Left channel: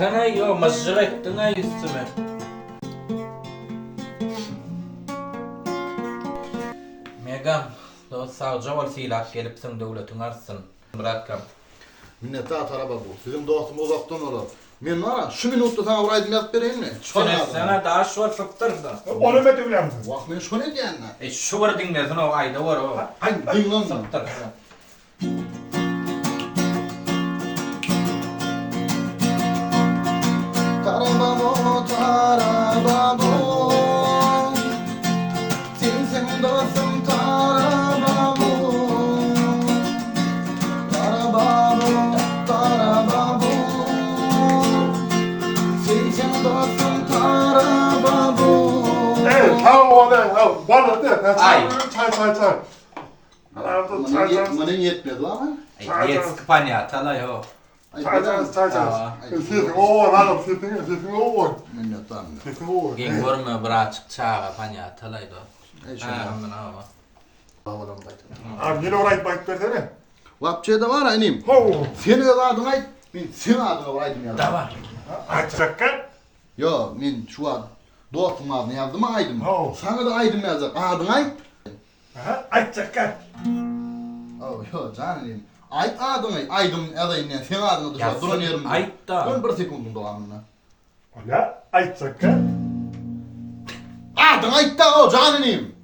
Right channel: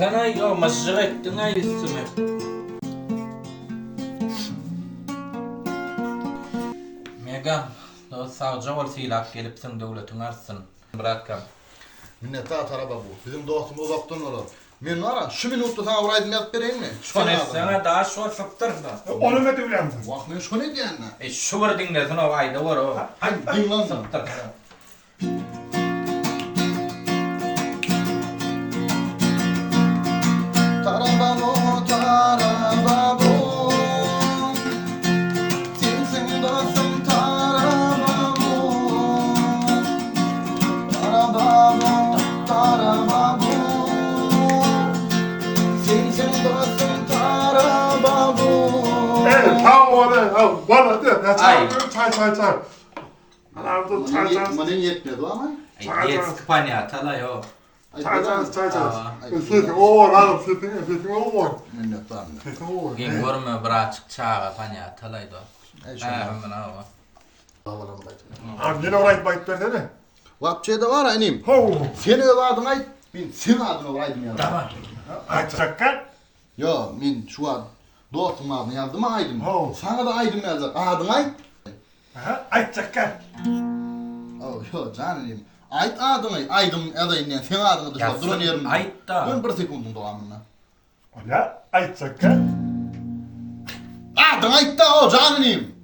Sana yo masjid ettin ay üstüme. Megam, do savcı ol silak gelipsin devletin arsın. Bırakam. Minnettar araba bu. Bizim dostumuz uzaktan olur. Men var ya, şu minutta sana orayı yazıp vereyim mi? Sana daha şu var fıktırsa. Onu mu diyorsun? Vah men şu ne diyen lan? Şu var dinlesin o ayda var o. Ay ding lan lan. Fıktırsa. Tarabamo, tarabamo. Sensin dostum tarabamo. Tarabamo, tarabamo. Sensin dostum tarabamo. Evet, tam orada. Bana de. Ay. Çay. Arada çay. Bana yetmedi ama. Yet Spanya talay o. Çay. Aa. Sesin o var, sesin o var. Minnettar. Sesin o var. Gen görme bırak çağa panya talay do. şuna. Hemen ama. Havadan baytım. Abi yine orayı bayıp versene. Vapçıya da var ha inim. Ho. Seni öz adına ait, ben senin adına oraydım ya. Tamam. Açakken. Yo, men şu an dostum adını yazdım aydım. Oh. Sana da aydım yazdım. Adını ait. Açakken. Oh, yo canım. Ait adını aydım adayım senin adını dışarı durun yerim. Ait da. Ben bir sekundum doğamına. Ola açakken. Adını ait da o canım.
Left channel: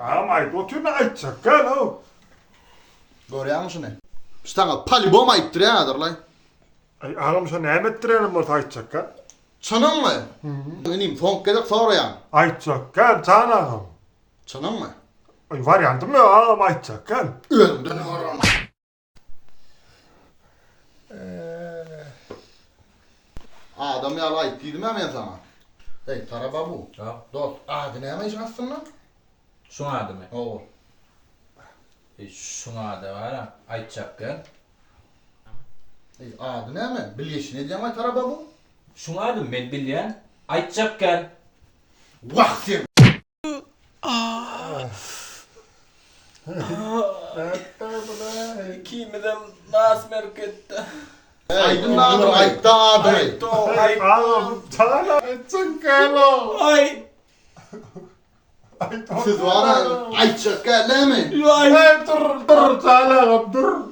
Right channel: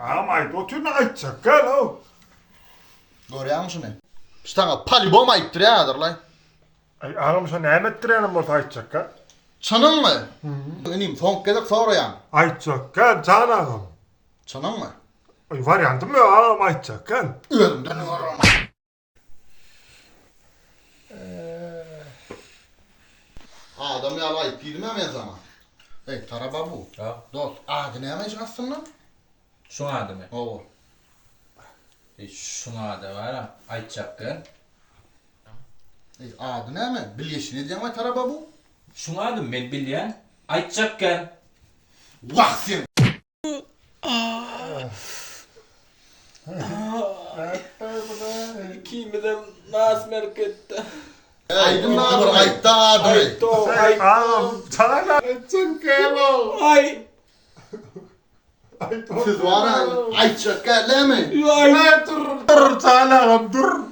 Ama oturma açakken o. Görüyor musun ne? Sana palibom aittir ya adır lan. Ay anam sen ne ettirelim orada açakken? Çanın mı? Benim son kez soruyorum. Açakken canım. Çanın mı? Ay var yandım ya ama açakken. Ölümden oram. Adam ya ait değilim ya ben sana. Hey taraba bu. Ya. Dost adı ne amış aslında? Şu adı mı? Oo. Şuna adı var ha. Ayçakkın. Hey adı ne mi? Bilyeşin ne diyeceğim ay taraba bu? Şuna adı mı ben bilyen? Ayçakkın. Vah sen. Kimden nas merkette. Aydın da adı ait da adı. Ay anam sana açakken o. Ay. Siz var ha ayçak gel mi? Ay dur canım dur.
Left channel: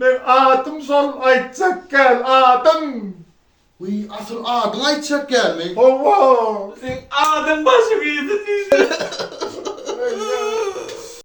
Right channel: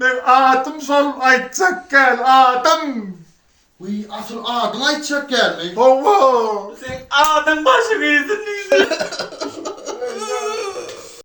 Ben atım sol açakken atım. Uy asıl adın ayçak gel mi? Allah. Sen ağzın başı verdin işte.